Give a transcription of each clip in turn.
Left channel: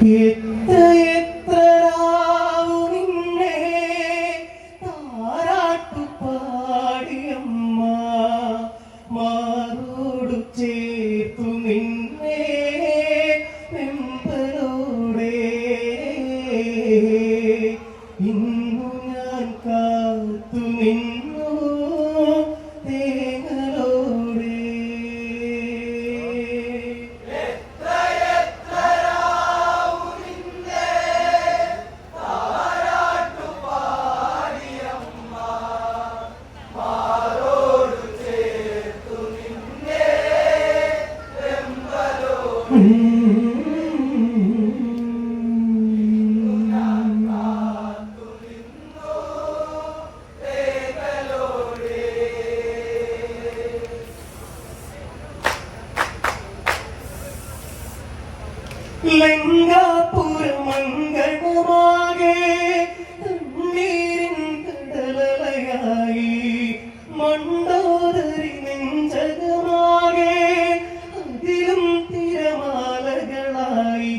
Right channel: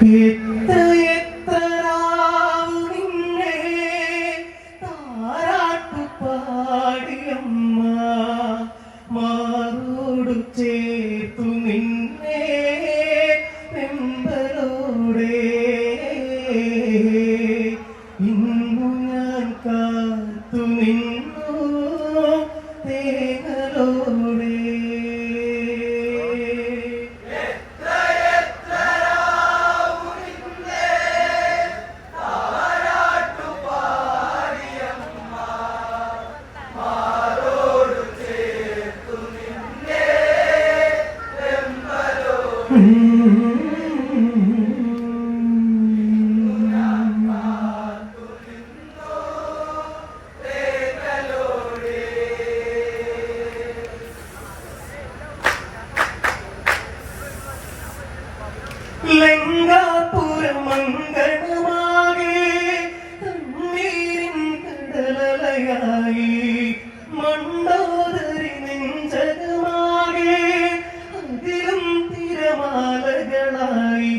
Happy ശരണമായി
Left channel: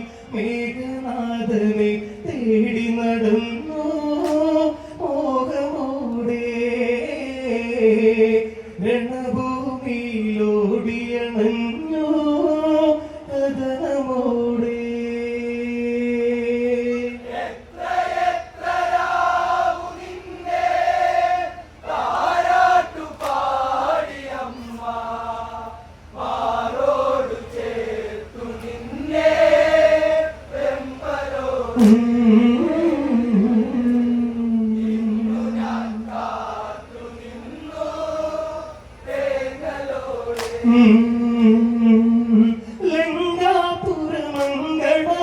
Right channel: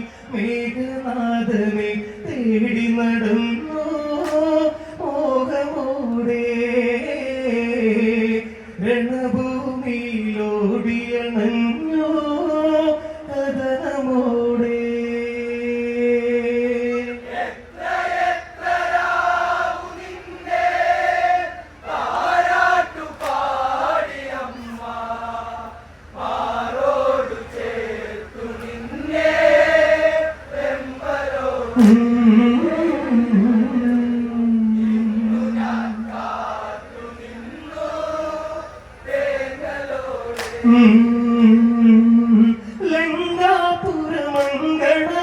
திங்கள்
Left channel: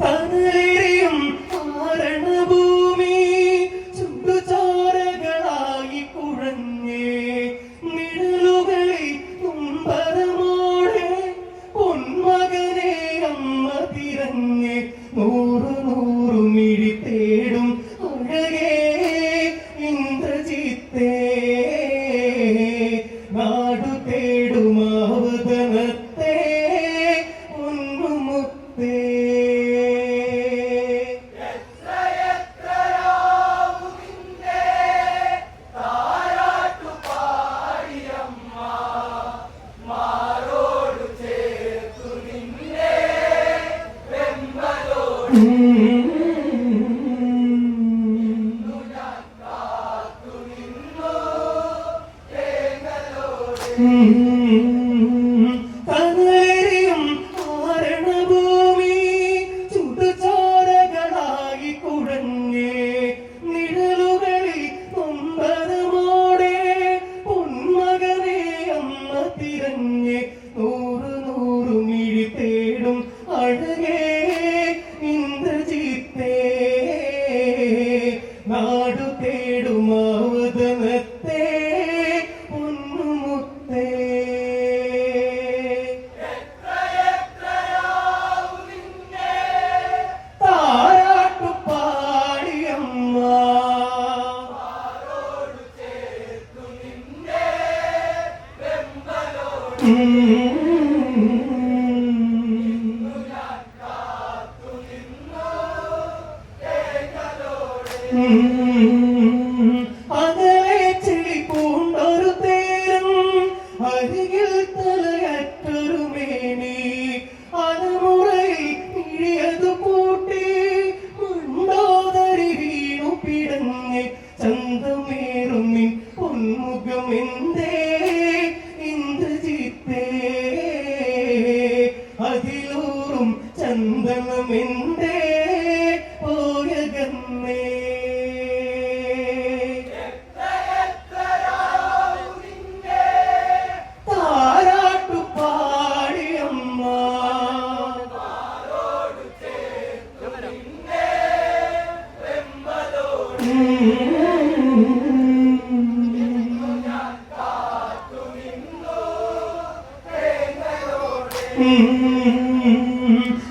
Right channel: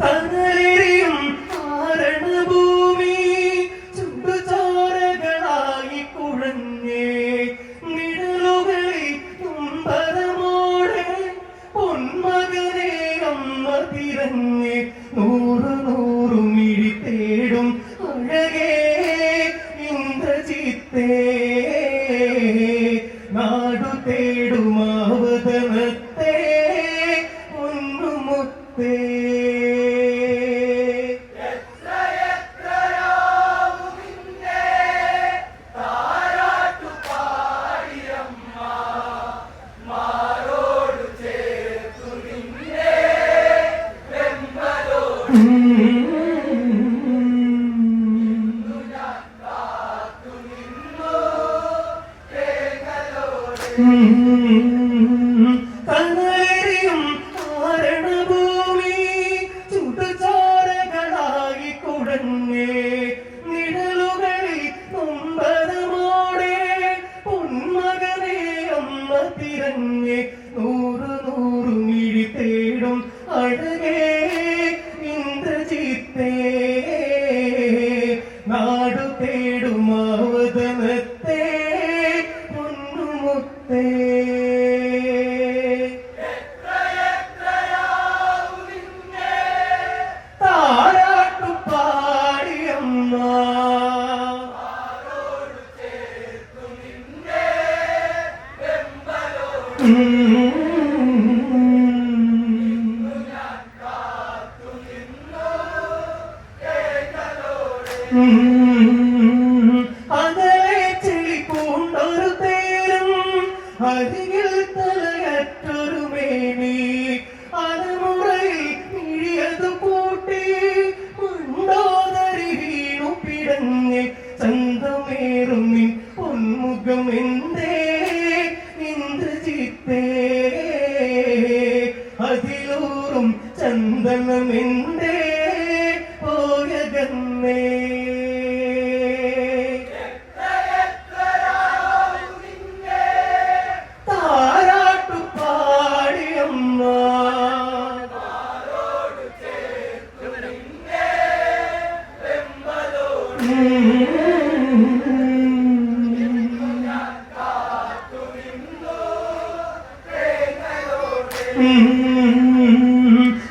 തണലേറിയും കാരണഭൂമി ചുടുചോരകളായി കുഴഞ്ഞേ. നിഴലുകളെ തുമ്പരമോടെ പൊന്മകനെ അമ്മ തിരഞ്ഞ്. നൂറ് നൂറു മിഴി തേടി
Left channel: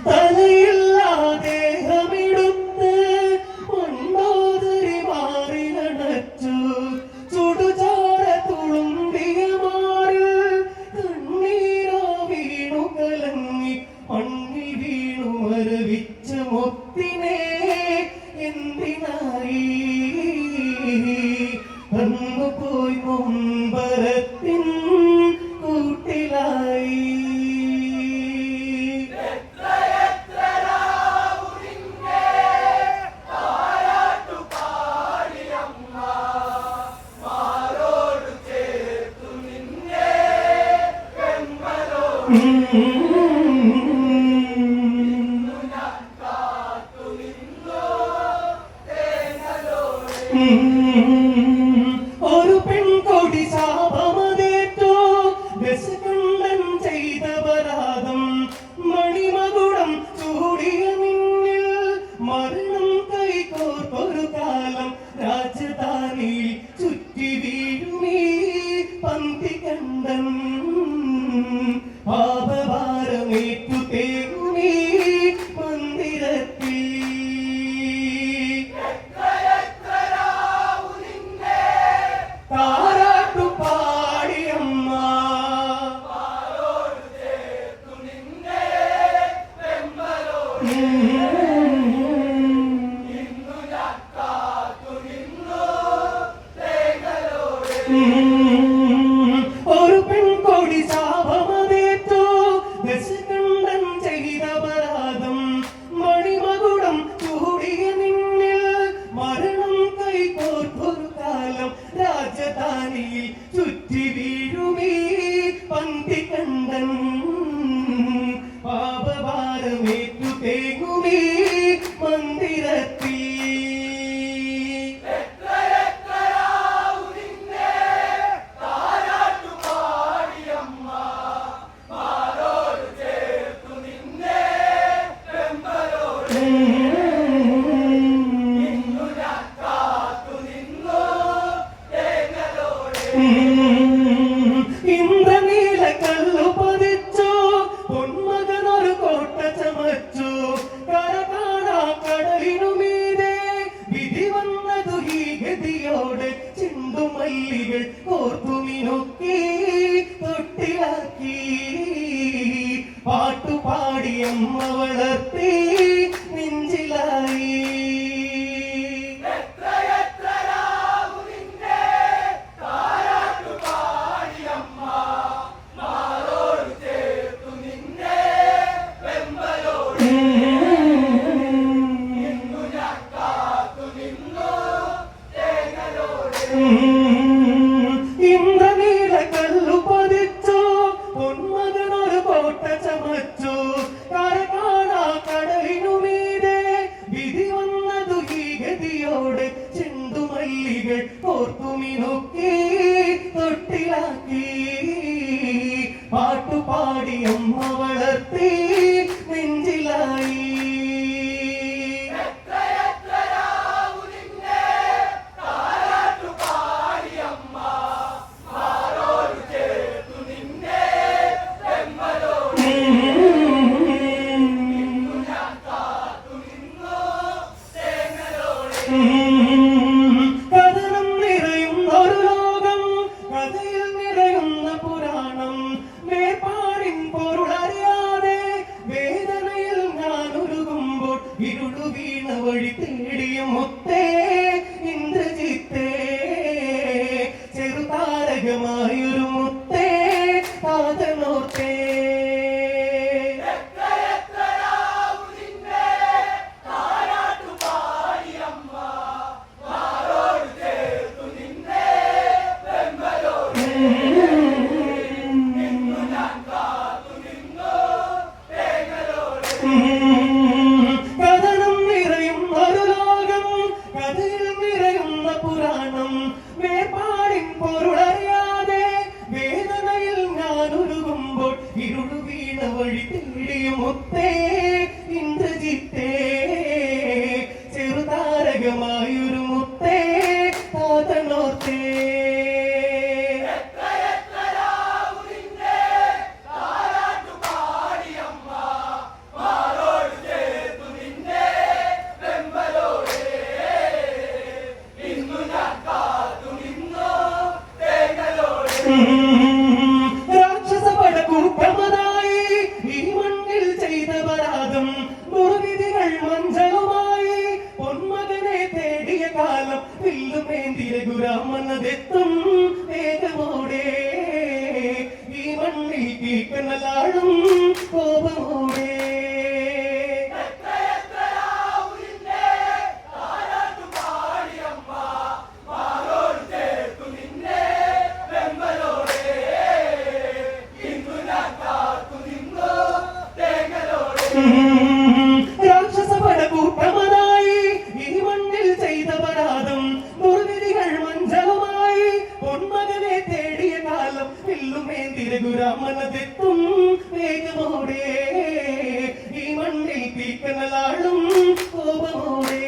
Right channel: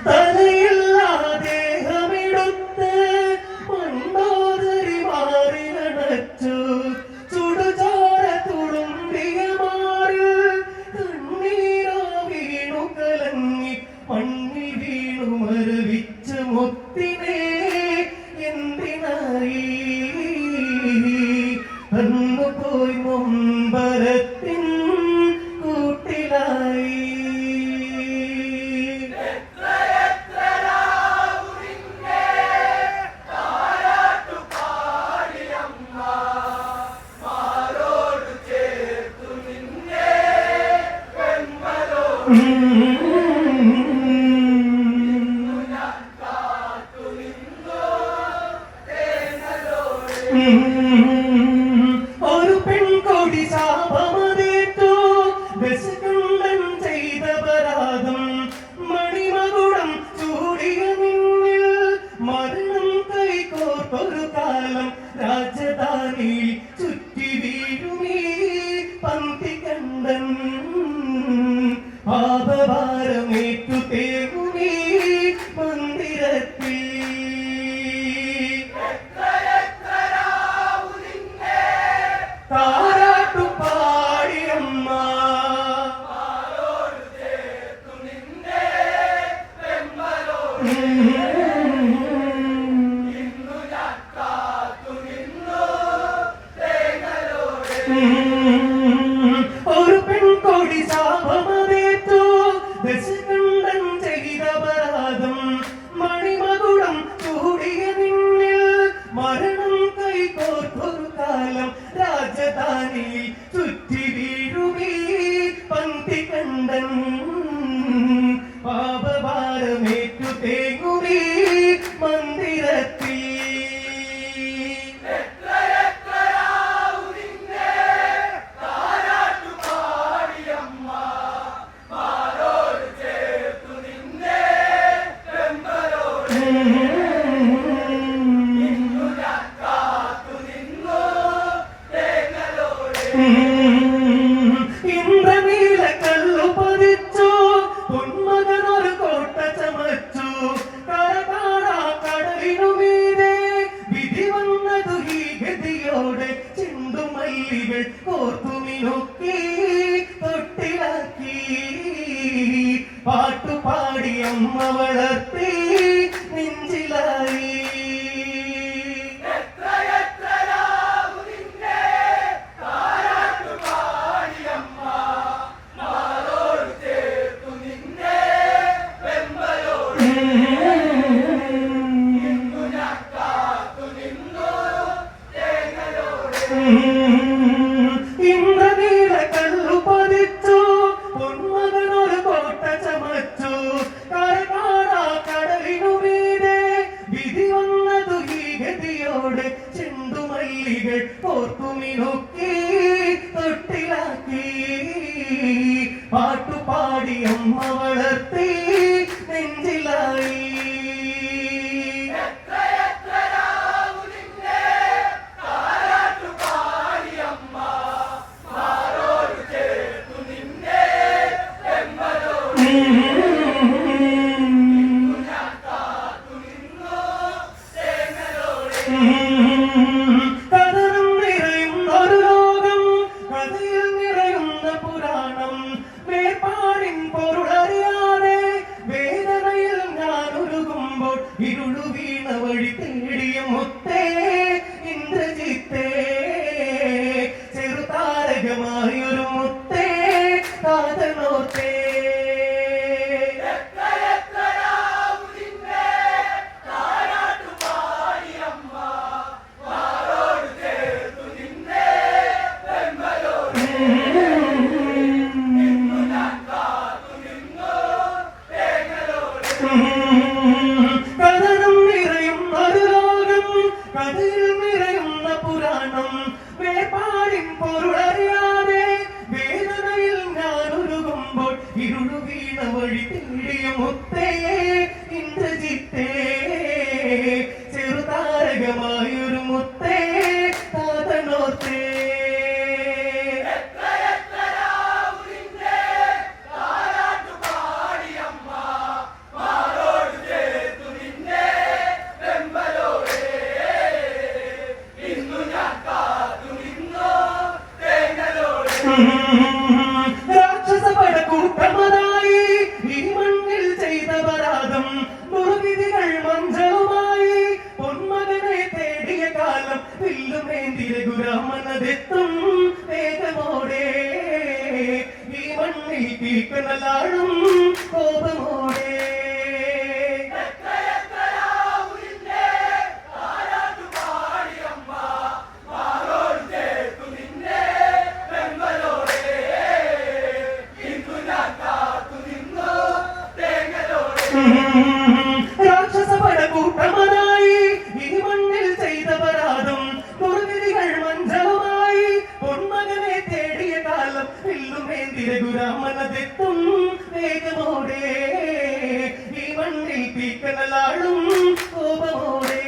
തലയില്ലാ ദേഹമെടുത്ത് മണ്ടോദരി മാറിലടച്ചു ചുടുചോര തുളുമ്പിയ മാറിൽ കണ്ണീരോ വീണു കലങ്ങി. മണ്ണിൽ വീണു മരവിച്ച് മുത്തിനെ എന്തിനായി തന്നു പോയി വീഴുമീ പന്തി കണ്ടൻ. പാപഭാരമേറ്റു തേകുമീ മന്ദിരത്തിൽ. Mm-hmm. കണ്ടൻ പാപഭാരമേറ്റു തേങ്ങുമേ മന്ദിരത്തിൽ Mm-hmm. Mm-hmm. I'm not paper. ഇരുളു വഴി മുത്തേ ഇന്ദ്രജിത്തേ. ചെറുതാരകമായി തേടിയ കാലം എല്ലുമേന്തി രഘുരാമനതെത്തും വേഗമോടെ. ഈ മണ്ണിൽ തീക്കനലാടും കോപമോടെ.